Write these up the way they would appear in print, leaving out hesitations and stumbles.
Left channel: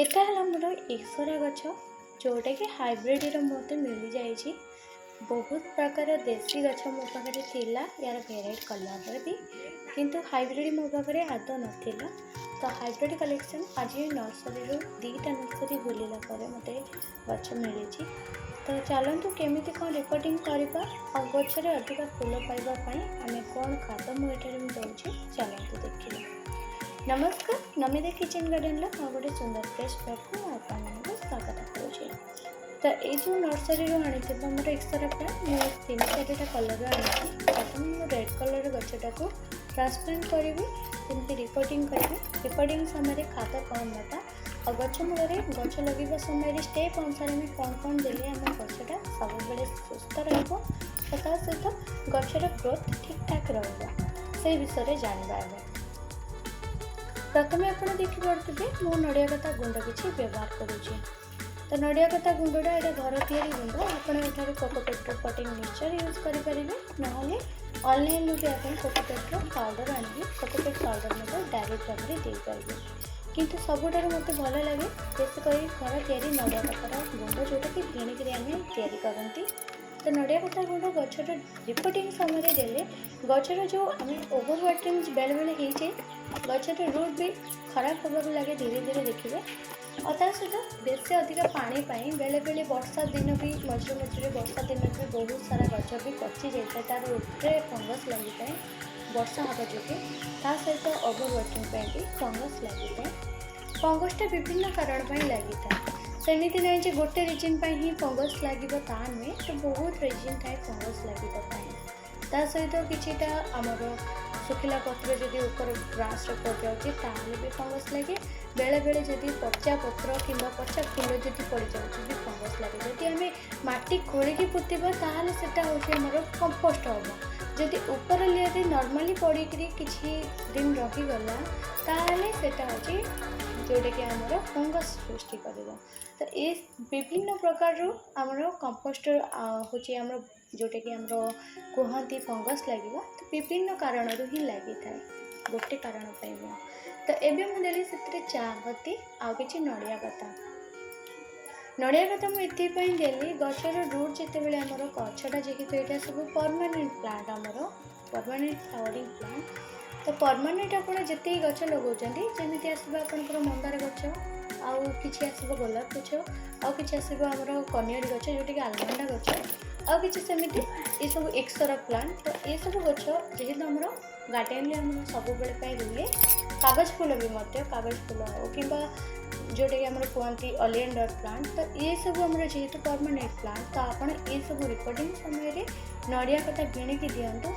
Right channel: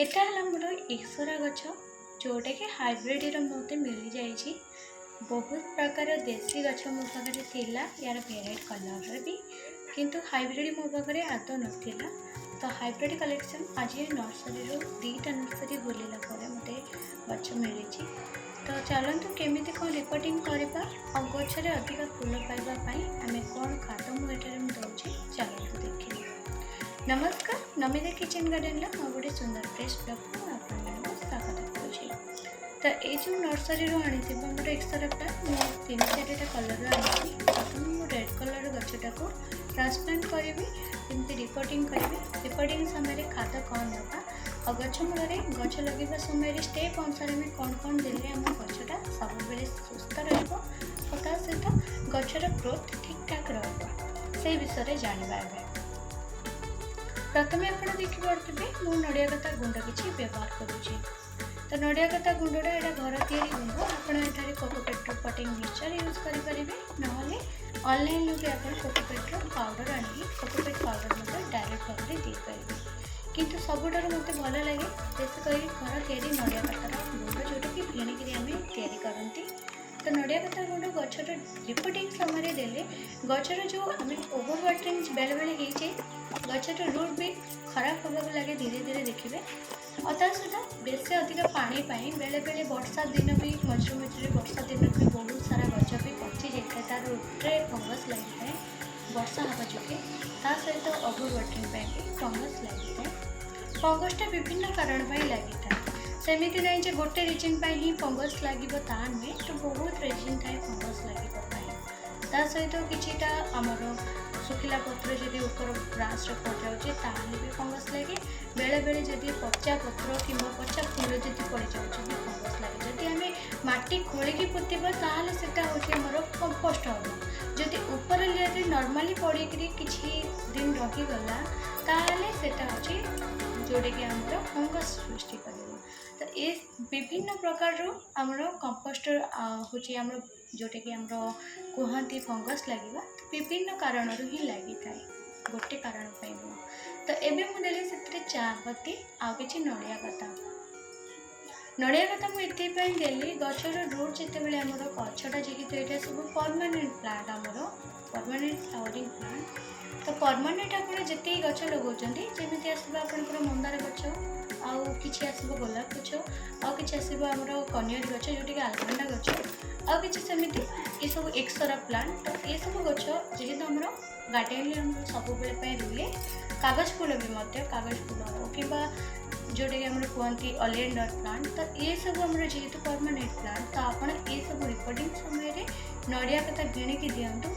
एटा है मोर ईश्वरा गछ जोटा कि हाइब्रिड मत मिल जाए। बहुत प्रकार देसी गछ मो पाखे थिला यार वेराइट कलर भी, किंतु हाइब्रिड मो पाखे आदौ नाला। तो हाइब्रिड कलेक्शन आज नर्सरी दीटा नर्सरी बुलला मत गछ मिली। तो चलतु केमी कौन रिपोर्टिंग करवा और गचर अधिक फूल पाइबापी आम कौन खाद मुझे दूसरी चलतु देखिए। नमस्कार, नमिता किचन गार्डन गोटे सुंदर फ्रेश ब्लॉग को आपको स्वागत करुँचे। तो ये जो नर्सरी आनी मोर एक्सरा प्लांट मो 3-4टा कलर आनी। प्रथम रेड कलर गछटा को ट्रांसप्लांट करी जमी रिपोर्टिंग करी। रिपोर्टिंग समय खाद कौन ना और गछ मूल गछ लगे समय स्टेप अनुसार में कौन कौन देले आम गछटा सब बेले सुस्थ रहा सहित गचर ग्रोथ ठीक ठाक रही विषय जानवा। प्रथम आप देखिपे मो नड़िया कता गुंड किसी व्यवहार करुँचे। तो नड़िया कता गुंडा यहाँ घर या गुंड आपठार कोकोपेट्रो पटिंग मिक्सचर यूज करेंगे ना ऑनलाइन भी आप कोकोपेट्रो पाउडर आनिक कोकोपेट पाउडर डायरेक्ट भाव में देपारे। किंतु सबुठ मत भल लगे बेसिकली घर या नड़िया कतार गुंड जोटा कि किणिक आम या। तो नड़िया कता गुंड गचर रिपोर्टिंग समय देले गचर जो आम ओवर वाटरिंग बेले बेले हो जाए, गचर रूट भी खराब होगा लगे धीरे धीरे देखिए। और ता सहित बेस अधिक पानी बेले बेले वर्षा दिन भी मझे मझे वर्षा दिन भी बहुत सारा गच भी पची जाए तार रूट्रे फंगस लगी था वर्षा हवा जोगे। ता सहित ओवर वाटरिंग भी फंगस लगी था। फंगसटा विभिन्न कारण लगी था, सेमती ना जे गोटे रिजन ही फंगस लगे नुहे। तो बहुत रिजन थाए फंगस लगे ता सहित किछिटा आमर सुखिला पत्र जदि ऊपर ब्रांच पड़ जाए भी फंगस लगे। बेले बेले जदि पचा पत्र कि पचा फूल जदि पड़ जाए भी फंगस लगे। जदि आम माटी खोलिकी पोतवा ताहले सेटा होचे हमर कंपोस्ट हम। जदि ऊपर लेयर नॉर्मली पड़ी किछि दिन रहीगला ताहले सेटा होचे जोटा कि आमर फंगस सृष्टि कर। तो ये विभिन्न प्रकार आमर कंपोस्ट होची आमर जोटा कि आमर कहती फंगस लगे। तो विभिन्न कारण ही लगी था, गोटे कारण नुह। तो एबे मुझे से चापत्ती आउ कि नड़िया कता। नड़िया कता मुझे देली गचर रूट जिते आमर गछटा जेहेतु यहाँ सब परमानेंट प्लांट आमर परमानेंट फ्लावरिंग प्लांट। तो परमानेंट आप जिते गच लगाउछन्ती जमी आसो आपंकर मंदार गच आउ कि आसो गोलाप गच आउ कि आसो आमर कनियर गच जोटा कि आलमंडा गच आउ कि सेमती ये सब एक्सरा प्लांट। तो ये सब गच जेहेतु आमर गार्डेन में सब बेले रुए। कागज फूल भी कागज फूल हो कि जोटा कि आमर कहती ओलिएंडर प्लांट। तो ये सब आमर जेहेतु परमानेंट प्लांट तो आप ये सब रिपोर्टिंग समय नड़िया कता गिणिकी दिंतु।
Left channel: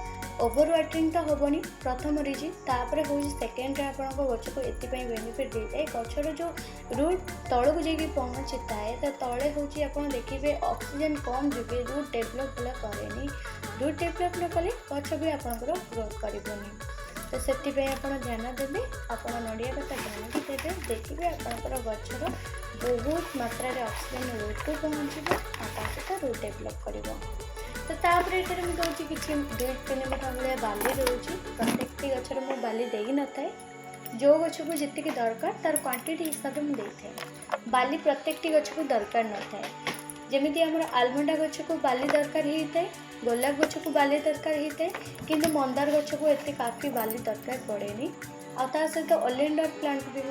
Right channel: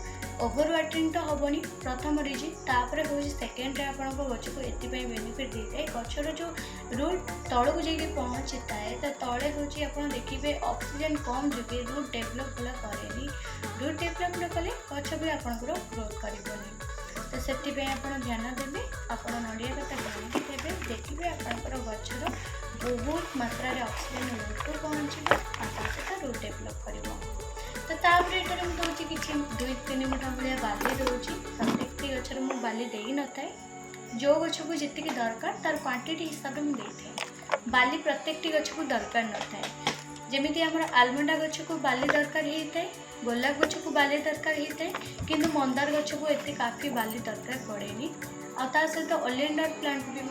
ओवर वाटरिंग तो हेनी प्रथम रिजन, तापर हूँ सेकेंड आप गच को ये बेनिफिट दे जाए गचर जो रूट तौक जाकि पहुँची थाए। तो तले हूँ आप देखिए ऑक्सीजन कम जोगे रूट डेभलप भला कैनि। रूट डेभलप न कले गच भी आपंकर ग्रोथ करनी। तो से आप ध्यान देवे आप नड़िया कता गिणिकी देवे देखिए आपंकर गचर बहुत मात्रा ऑक्सीजन रूट को पहुँचे सहित रूट डेभलप कर। तो तापर ये दूसरी किसी 2-3 मुठा भाया बाली रोचे। प्रत्येक गचर मु बाली दे न था, जो गच को जी दरकार तार क्वांटिटी हिसाब से मुझे बाली प्रत्येक गच को दरकार न था। जमीती आमर आलमंडा गच को बाली दरकार होता है, गोलाप गच को बाली दरकार होता है, किंतु मंदार गच को एत काफी बाली दरकार पड़ेनी। आ सहित ओलिएंडर प्लांट भी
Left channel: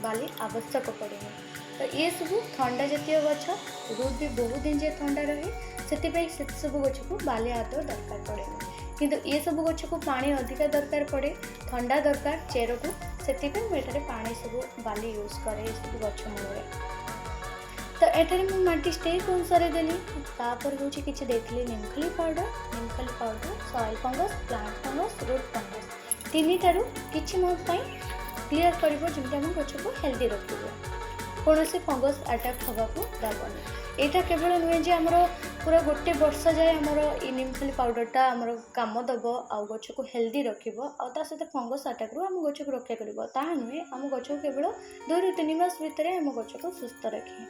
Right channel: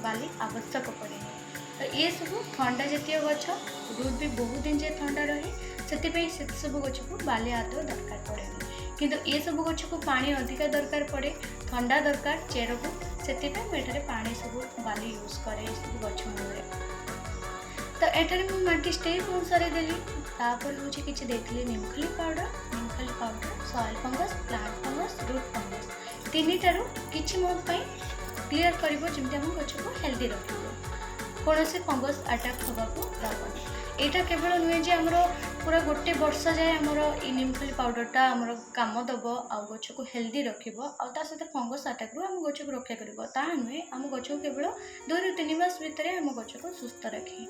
बाली आवश्यक पड़ेनी। तो ये सब ठंडा जातीय गच रूट भी बहुत दिन जाए ठंडा रहे से सब गच को बाली आदौ दरकार पड़े। किंतु ये सब गच को पानी अधिक दरकार पड़े, ठंडा दरकार चेर को से मुझे पानी सब बाली यूज करे सब गच मूल। तो एठारे मुझे माटी स्टेप अनुसार देली तापर हूँ कि देखली निमखली powder soil fungus plant fungus root fungus तीन टारू कि मो क्लीयर कर जमी आम गच को हेल्दी रखिए कौन से फंगस अटैक होगा दबनी। यहाँ केवल नुहे जे आमर पूरा गोटे वर्ष जाए आमर निमखली पाउडरटा आमर काम दब आ गच को हेल्दी रखिबो आ सहित फंगस अटैक आम गच को रक्षा करिबो ता नुहे आम गच को केवल 2-3 मास भितर आम गच को सुस्थ रखे।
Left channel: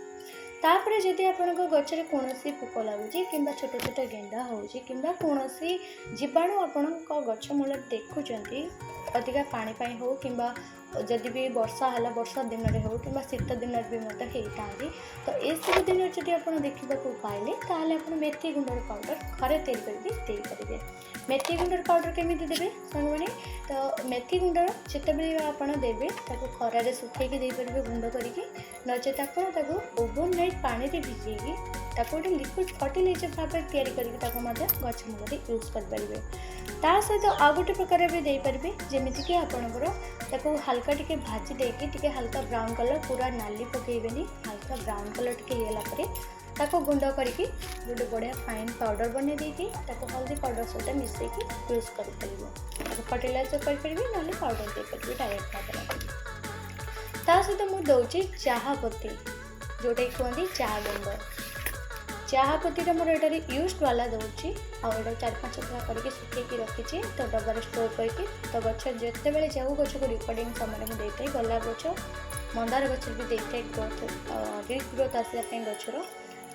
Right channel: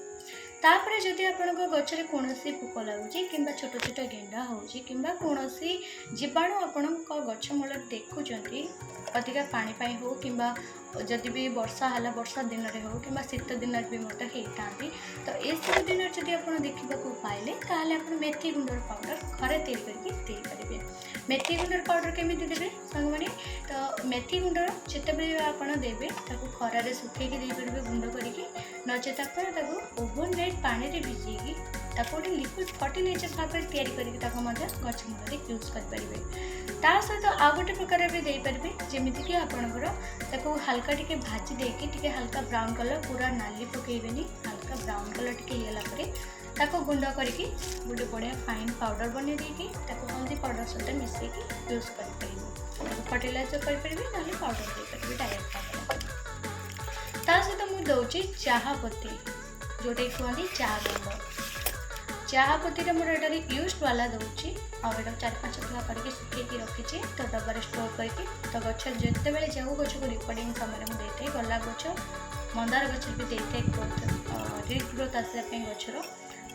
तापर जदि आपंक गचर कौन पोक लगुच कि छोट छोट गेंडा होची कि कौन जीवाणु आपण गच मूल देखुं अधिका पानी हो कि जदि भी वर्षा है वर्षा दिन में हो कि शीत दिन भी होता तो ये सब दिन जब आप देखा पाइले ताले आप मेथी गुंडर पाउडर घरे तैयारी करेंगे। मेथी गुंडर पाउडर केमी देवे सांग मैंने तो मेथी गुंडर जितेबाला आप देवे खरार सुखेकी देपारे गुंड करके नचेत आप ओवरनाइट पानी भिजेकी गोटे लिक्विड फर्टिलाइजर भाव में तैयारी करके गच मूल यूज करेंगे। ता सहित आ गोटे प्रकार भी देपारे जमीक आपणकर हल्का टिके भाजी देकी टिके हल्का ब्राउन कलर पूरा नाली पकेबेनी हल्का ब्राउन कलर टिके हेलापर ताको गुंड करके गोटे बढ़िया फाइन पाउडर बने देकी हल्दी पाउडर सहित मिसेकी यूज कर फर्टिलाइजर करेंगे ना पाउडर देपारे डायरेक्ट भाव में। ता सहित मुझे दौची चाहा पत्ती जोटा कहते चाहा गुंड चाहा पत्ती मोर ये यूज वाला दूसरी आउ 4-5 थरा करके सुखेकी रखी तो डबार स्टोर करके तो गच जिते बड़े जाऊ गच को रिकॉर्डिंग समय मुझे देते गला गच मंदार गच भी देते ग्रोथ ग्रोथ आसापी गचर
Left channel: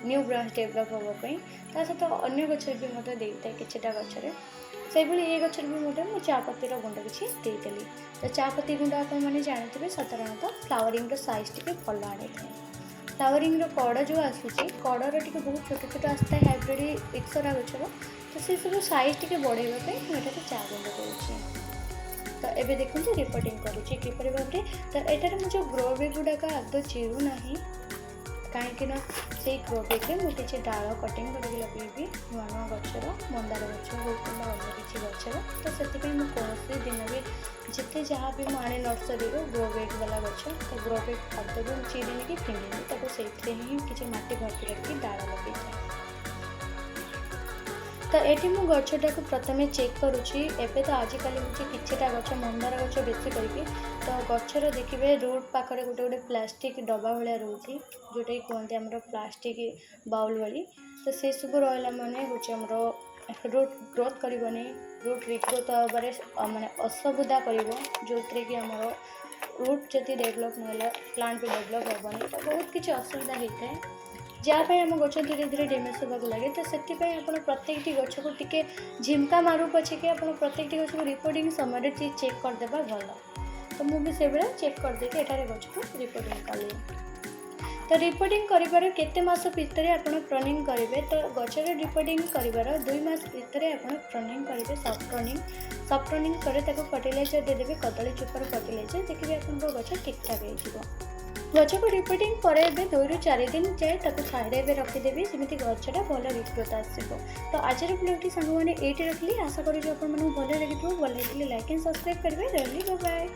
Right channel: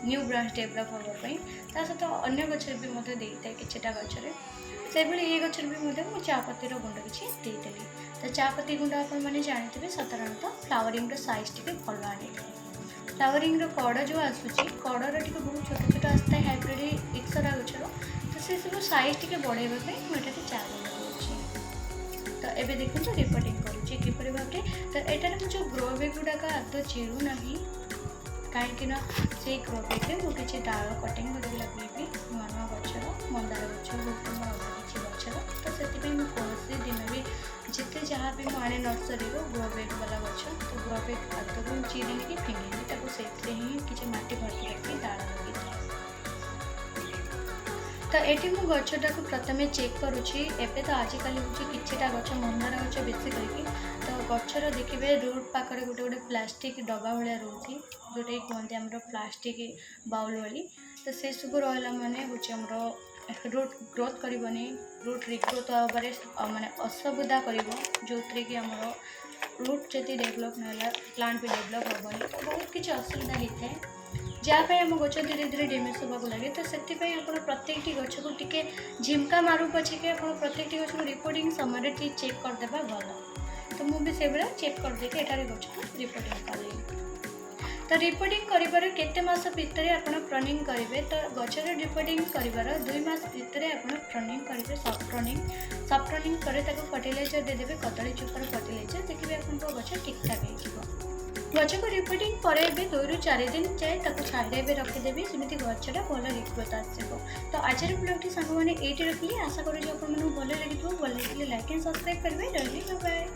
न्यू ब्रांच डेभलप होगापी सहित अन्य गचर भी मतलब देता किटा गचर से ये गचर भी मुझे चापत्तीर गुंड किसी देदेली तो चापत्ती गुंड आपने जानते साधारणतः फ्लावरिंग साइज टी भल आनी था फ्लावरिंग कड़ जो आसूसी कड़र टी बहुत छोट छोट आसता है हाइब्रिड एक्सरा गचर तो से सब साइज टी बढ़ाइवाई मुझे चा गुंड दूसरी तो ये देखो रिपोर्टिंग करुँची किपर भाव में तो यहाँ मुझे ग्रो बैग गुड़ाक आदौ चिरूना कहीं से ग्रो बैग में मुझे किसी डाल कटिंग करके लगेबी नुआ नुआ गचर मंदार गच हो अन्य किसी गचर तो से कौन दिन भी जिते जहाँ भी मुझे नर्सरी ग्रो बैग वाला गच तो ग्रो बैग आदौ चिरीनी कि फिंगीनी से ही किसी मटी भर्ती करके डाल लगे तो ये मु गचटा को प्रथम चेक करुँची एवं तो आजिकल हूँ किटा गच मंदार गच बेसी करके तो गचर देखिए रूट पाखे गोटे गोटे प्लास्टिक डब्बा भाया रोचे जोटा कि कहते आम प्लास्टिक बाउल वाली तो से सब रहा मैंने हूँ आमर रूट ग्रोथ करनी रूट रिग्रोथ हबारे माने असुविधा कर जो कि आमर रूट जदि डेभलप ना प्लांट भी डेभलप हेनी तो बहुत किसी असुविधा होता है जहाँपाई आम गच धीरे धीरे डैमेज होगा लगे तो से प्रत्येक गच को टिके झिमका मारू पछे कि आप प्रत्येक गच को रिपोर्टिंग समय चेक करदे भल तो मुझे से भाया चेक करदे एटारे गच को रिपोर्टिंग कली तो रिपोर्टिंग कर केते मास भितर आप प्रनिंग करेंगे तो गचर रिपोर्टिंग कर 2 मास भितर आप प्रनिंग करेंगे सफ्ट रनिंग पर फर्टिलाइजर देदेवे कदली चोपर फर्टिलाइजर देखिए आप गच ठीक ठाक हो गच को रिपोर्टिंग पर 2 ରୁ 4 दिन जाए छाड़े रखीदेवी जमी गचटा भल रिग्रोथ आसो तो आज ब्लॉग सांग मैंने ये रखली आशा करूँ आप भल लगी भल लगे लाइक एंड सब्सक्राइब करेंगे। बाय।